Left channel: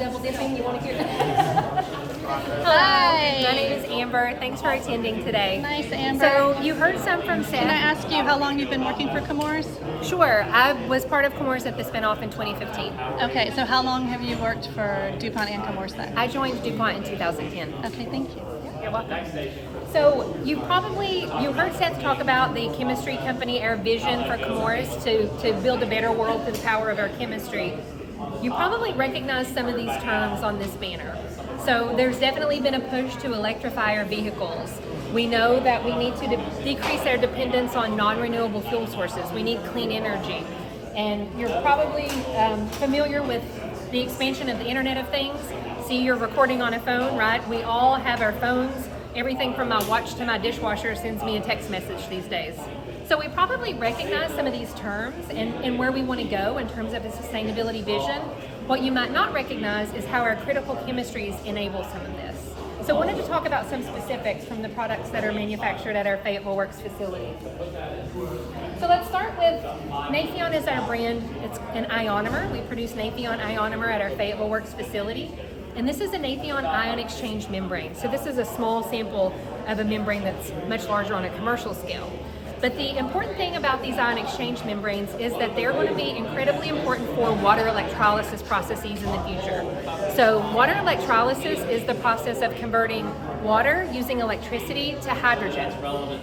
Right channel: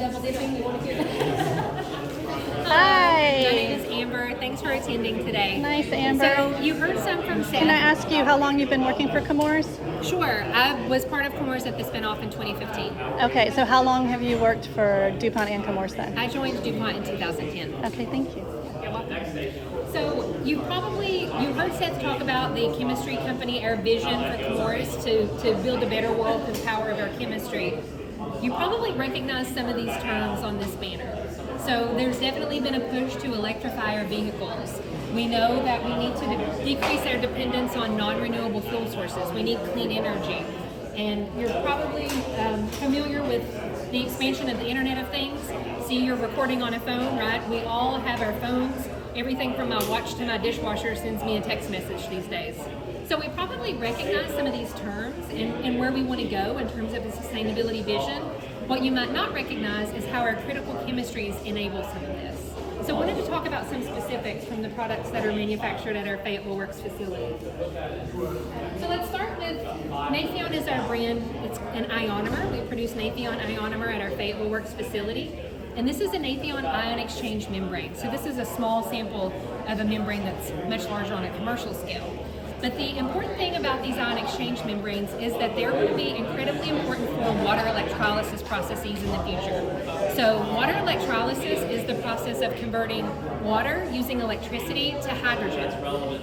double dipping? You want to hear that? Hello, my name is Amber. Thanks for attending today. Nice, Amber. So you heard some from Seth. Can I ask you how long you've been working for Chemours? Sure. I was part of Chemours at the spinoff in 2015. Okay, so how long have you worked for DuPont and Chemours then? I joined DuPont in 2010. Okay, thank you. You're welcome. So you heard Seth talk about the chemistry company, our vision for Chemours to build a better world through the power of our chemistry. You probably recognize some of these terms on this banner. So there's definitely been a push to electrify our vehicles. We know that we need to decrease our dependence on non-renewable fuel sources. We need clean energy. And you're probably familiar with the expansion of the Internet of Things. See, you're recording on a phone, right? We all have our phones. Everything from my watch to my dishwasher sends me a text message these days. So we probably recognize some of these terms and where we want to go in terms of a sustainability vision. What you might not recognize is how our critical chemistries enable some of this. So I wanted to talk about some specifics from the products that are manufactured at our Fayetteville Works facility. So let's start with Nafion is our brand. It's an ionomer. We produce Nafion ionomer at our Fayetteville Works facility. And this is a Nafion ion exchange membrane. So this is a small sample of a membrane that's much larger on a commercial scale. But the important thing about these ion exchange membranes is that they're going to be incredibly important for water electrolysis processes in the future. So water electrolysis is the process of converting water using electricity to hydrogen.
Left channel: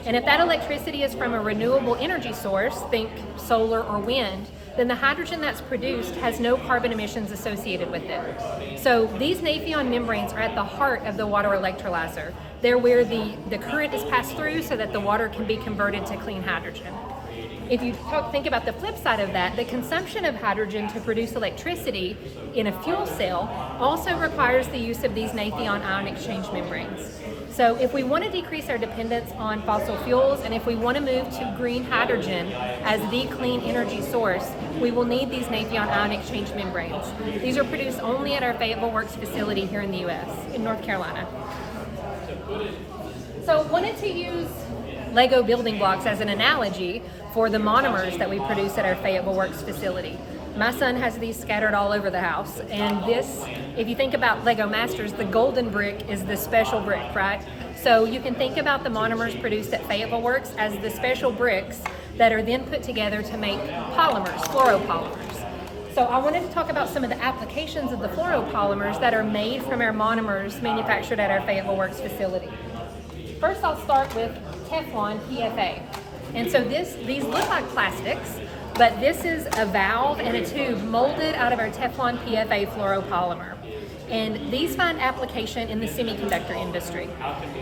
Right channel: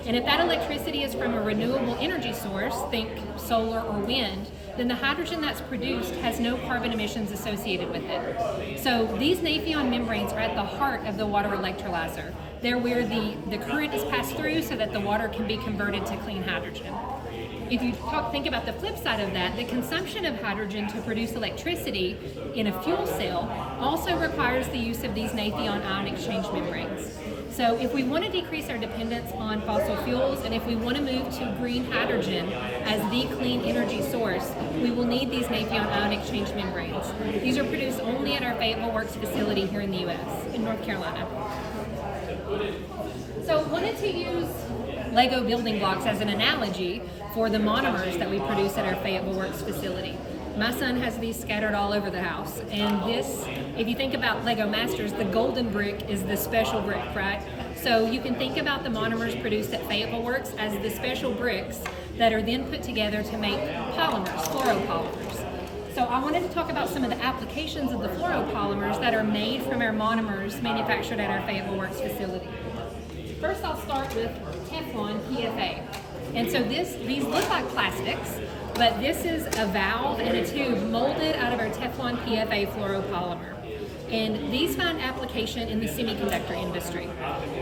And if that electricity is from a renewable energy source, think solar or wind, then the hydrogen that's produced has no carbon emissions associated with it. So these Nafion membranes are at the heart of the water electrolyzer. They're where the current is passed through so that the water can be converted to clean hydrogen. If you think about the flip side of that, the consumption of hydrogen to produce electricity in a fuel cell also requires the use of these Nafion ion exchange membranes. So if we want to decrease our dependence on fossil fuels and if we want to move to green hydrogen as the clean energy source, we will need these Nafion ion exchange membranes. These are produced only at our Fayetteville Works facility here in the U.S., in North Carolina. So wanted to use Lego building blocks as an analogy for the monomers that we produce at our Fayetteville Works facility. My son has these scattered all over the house, and this, if you think about Lego Masters, the golden brick is the special brick, right? So you can think about the monomers produced at Fayetteville Works as the special bricks that are then put together to make polymers, fluoropolymers. So I wanted to talk about some of the applications of the fluoropolymers that are made from our monomers manufactured at our Fayetteville Works facility. First, I'll start with Teflon PFA. And so these look like plastics, but this is a valve and a tube molded out of our Teflon PFA fluoropolymer. And these find application in the semiconductor industry.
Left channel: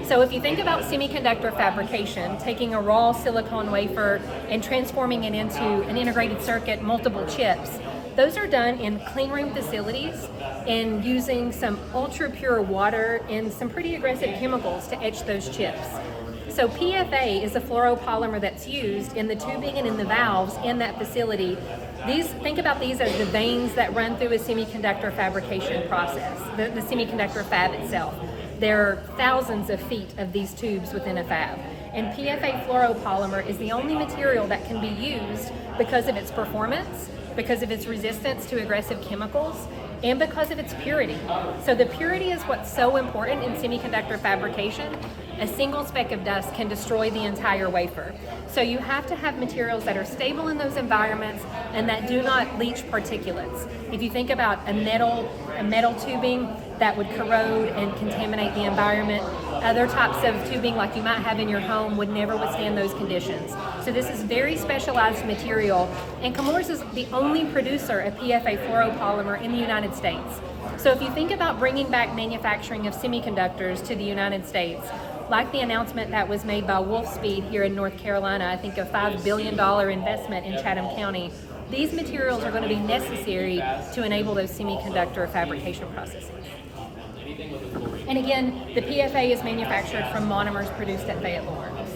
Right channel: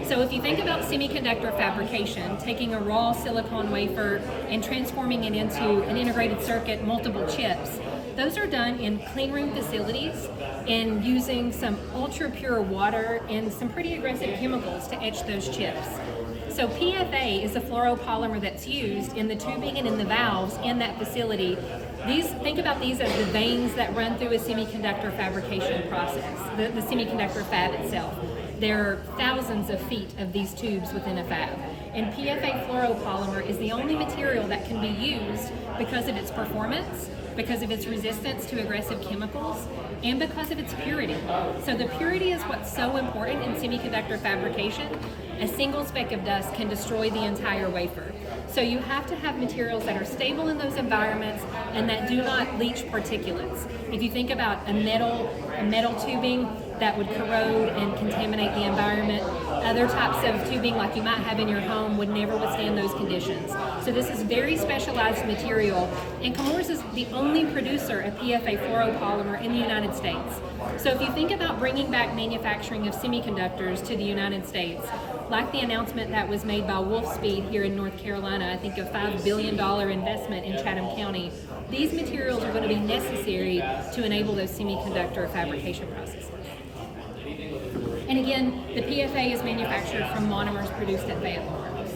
So if you think about semiconductor fabrication, taking a raw silicon wafer and transforming it into an integrated circuit, multiple chips, those are done in clean room facilities and using some ultra pure water and some pretty aggressive chemicals to etch those chips. So PFA is a fluoropolymer that's used in the tubing and in the valves in that facility. Think about these as the veins that run through a semiconductor fabrication process, the semiconductor fab itself. There are thousands of feet of these tubes within a fab. And PFA fluoropolymer is the only material that can be used because of its performance, because of its resistance to aggressive chemicals, and because of its purity. So the purity is what's so important in semiconductor fabrication. A single speck of dust can destroy the entire wafer. So you have to have materials that are stable in those environments and that do not leach particulates. If you think about a metal tubing that would corrode and contaminate the environment, other types of tubing like you might have in your home would never withstand those conditions. So this is very specialized material, and Chemours is the only producer of PFA fluoropolymer in the United States. So if you think about bringing back manufacturing of semiconductors to the United States, like the announcement that was made by Wolfspeed here in North Carolina, I think a $5 billion investment in Chatham County, these materials are going to be necessary to enable those semiconductor fabrication processes. And again, the PFA is manufactured from monomers produced at Fayetteville Works.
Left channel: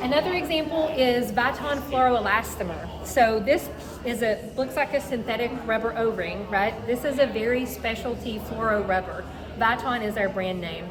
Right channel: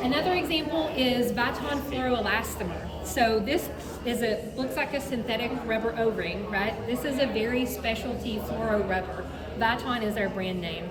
Another example is Viton fluoroelastomer. So this looks like a synthetic rubber O-ring, right? This is a very specialty fluoro rubber. Viton is our brand name.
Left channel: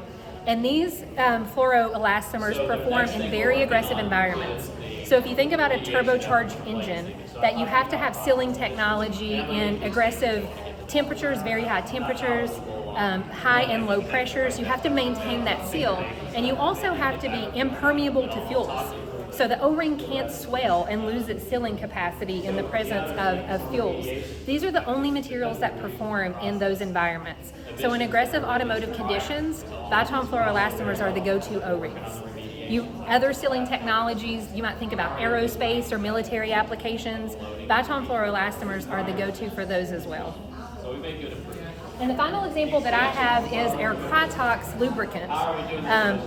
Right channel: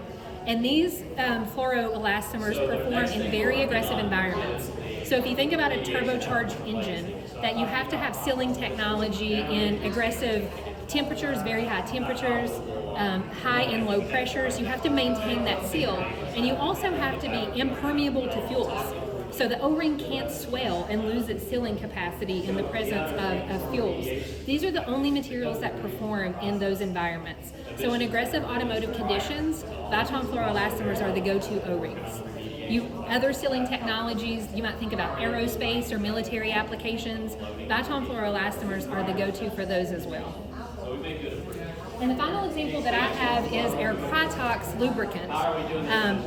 And these fluoroelastomers perform in very aggressive environments. So if you think about a turbocharged engine, that you have to have sealing technology in aggressive temperatures, very high temperatures, high and low pressures. You have to maintain that seal, and you also have to be impermeable to fuels. So the O-ring can't swell and lose its sealing capacity in the presence of fuels. These are the only materials that perform in those environments. So in aggressive automotive conditions, Viton fluoroelastomers are the go-to O-rings. Other sealing technologies, you might think about aerospace or military applications. Viton fluoroelastomers are the go-to for those as well. And the final example that I have is our Krytox lubricant.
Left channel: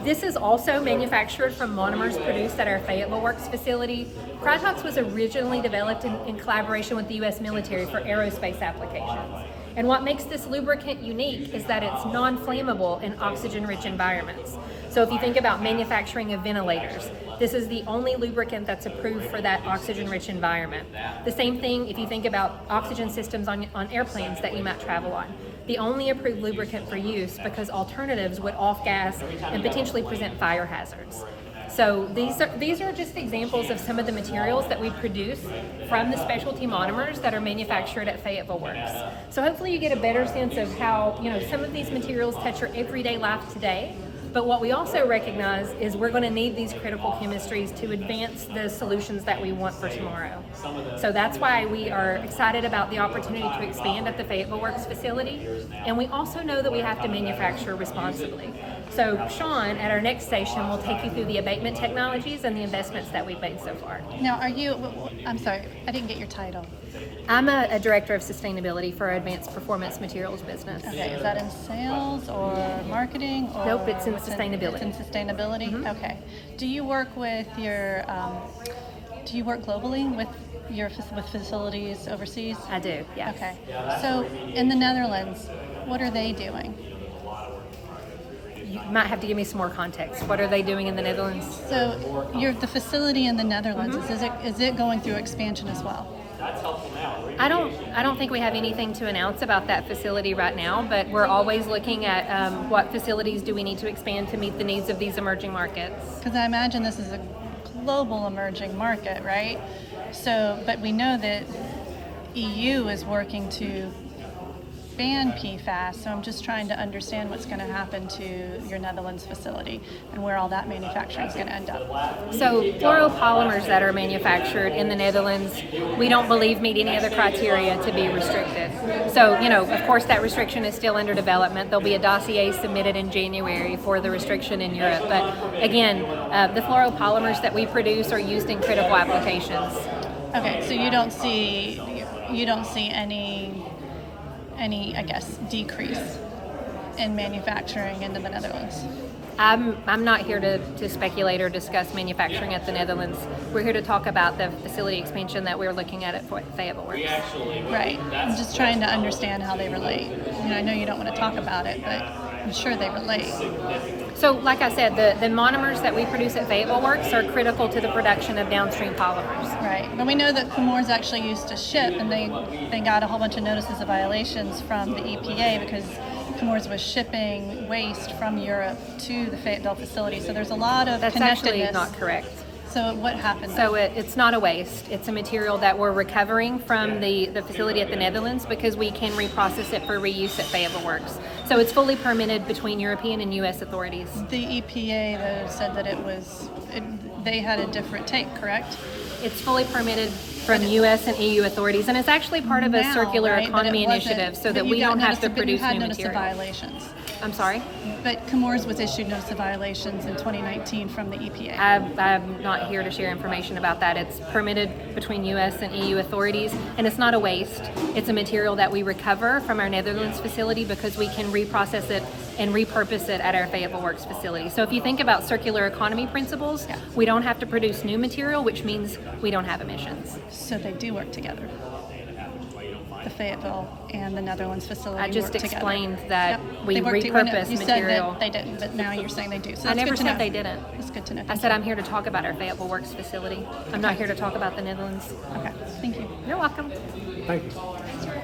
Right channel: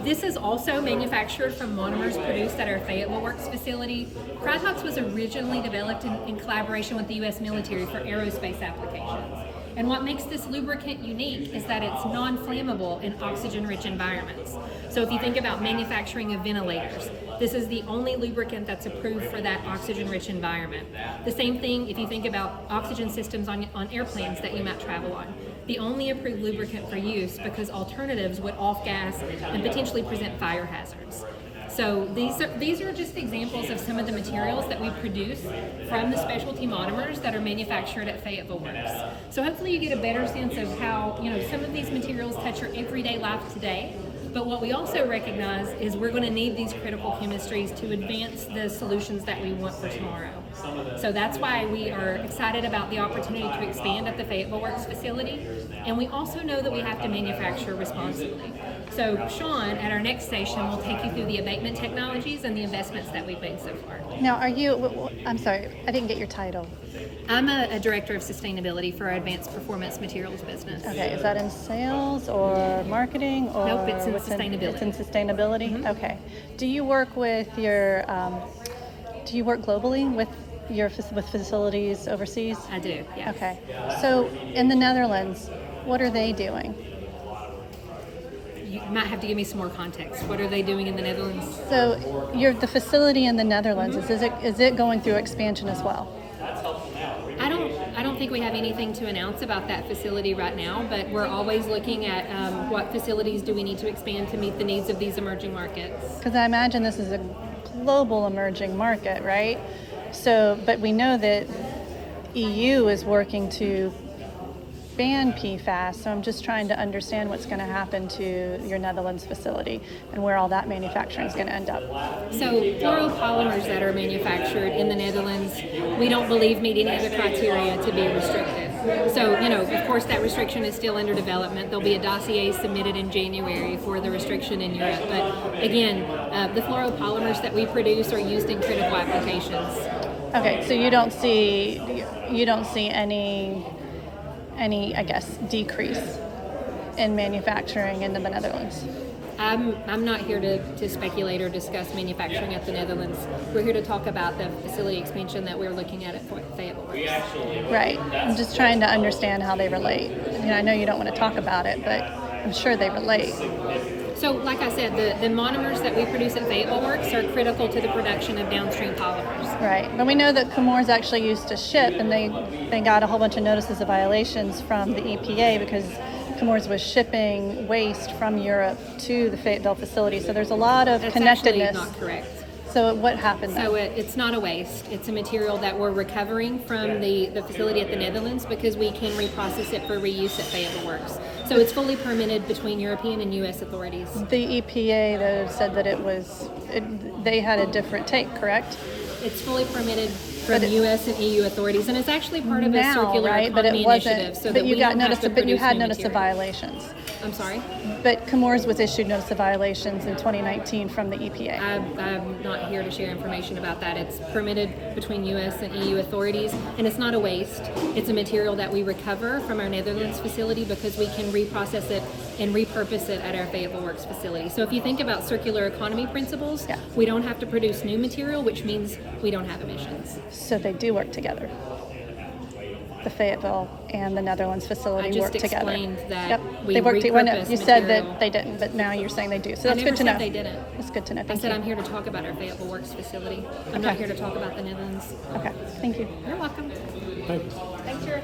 This is also manufactured from monomers produced at our Fayetteville Works facility. Krytox was originally developed in collaboration with the U.S. military for aerospace applications. And what makes this lubricant unique is that it's non-flammable in oxygen-rich environments. So if you think about manufacturing of ventilators, this is the only lubricant that's approved for that oxygen-rich environment. The same thing if you think about oxygen systems on airplanes that you might travel on. The only approved lubricant for use because alternatives would off-gas and potentially present fire hazards. So these are just examples of some of the materials that we produce from the specialty monomers that are manufactured at Fayetteville Works. So hopefully you get a better sense of how, some of these materials touch your everyday life today. But what we also recognize is we're going to need these critical chemistries to advance the solutions that we want for tomorrow. So that's why we are excited about the opportunity to expand at the Fayetteville Works facility. And we also know that we have to manufacture responsibly. So Sean, at our next station, will take you through the abatement technologies and the investments that we've made so far. Now, I'm sorry, I didn't get your title. I'm a director of sustainability for our advanced performance materials business. Okay, is that in sales or marketing? Or Nope, it's in sustainability. It's in sustainability? Mm-hmm. Okay. Do you work with your, do you work globally with with facilities overseas? I do, yeah. Okay. So in the Netherlands, what are they doing? You might have to give me some more context. What are they doing in the Netherlands? So the facility in the Netherlands, is it going through expansion as well? I don't think we have anything to announce about that facility right now, but we're always looking at what facilities do we need to expand to meet the needs of these emerging markets. Because I imagine this is a global emerging market, right? So, but we know that EU is working to ban PFAS, so I'm just trying to understand what's going to happen to your Netherlands facility and where all that manufacturing is going to end up. So fluoropolymers that are manufactured in the Netherlands, we don't believe meet any other criteria to be restricted. So, of course that restriction is still under development. There'll be a dossier submitted in January for the restriction in Europe. But again, the fluoropolymers that we produce are used in critical applications. Okay, so you don't see any, I guess, decrease in manufacturing in the Netherlands? I'm not here to speculate or discuss manufacturing at the Netherlands. We're here to talk about the facility expansion that we're looking at Fayetteville Works. Right. I'm just trying to understand how they relate. I know you don't want to talk about it, but I'm sure they relate. So, like I said, the monomers that we produce at Fayetteville Works are critical to the production of downstream polymers. Right. But we know that Chemours actually used to ship, and they got a whole bunch of notices of violations from the EPA because Chemours was shipping waste from Europe to the Fayetteville facility. So there's a lot of That's actually not correct. So what happened? So it's not a waste. It's a material that we're recovering from the facility at the Netherlands because we can reprocess it for reuse at Fayetteville Works. So it's fully permitted between European and U.S. authorities. The EPA, though, said that they had a different take, correct? It's fully permitted from U.S. and EU authorities, and it's actually part of a circular economy initiative so that we don't have to produce new material. Violations. I'm sorry? But Chemours was issued notice of violations in 2019 from the EPA. I'm not here to share information about that. It's permitted between U.S. and EU authorities, and it's not a waste. It's a material that we recover from our Netherlands facility because we can reprocess it and repurpose it at our Fayetteville Works facility. So if you think about circular economy principles, we don't have to produce new material, which means we don't have emissions. So they do work together. The Fayetteville and the Netherlands facility. I just work explained together. that Yep. we repurpose you material. Said that they didn't, but now you're saying they do. So I it's never good to said know. they didn't. It's good to know. I said I'm here to talk about our Fayetteville Works facility. I'm not here to talk about the Netherlands. Okay, thank you. You're welcome. Thank you.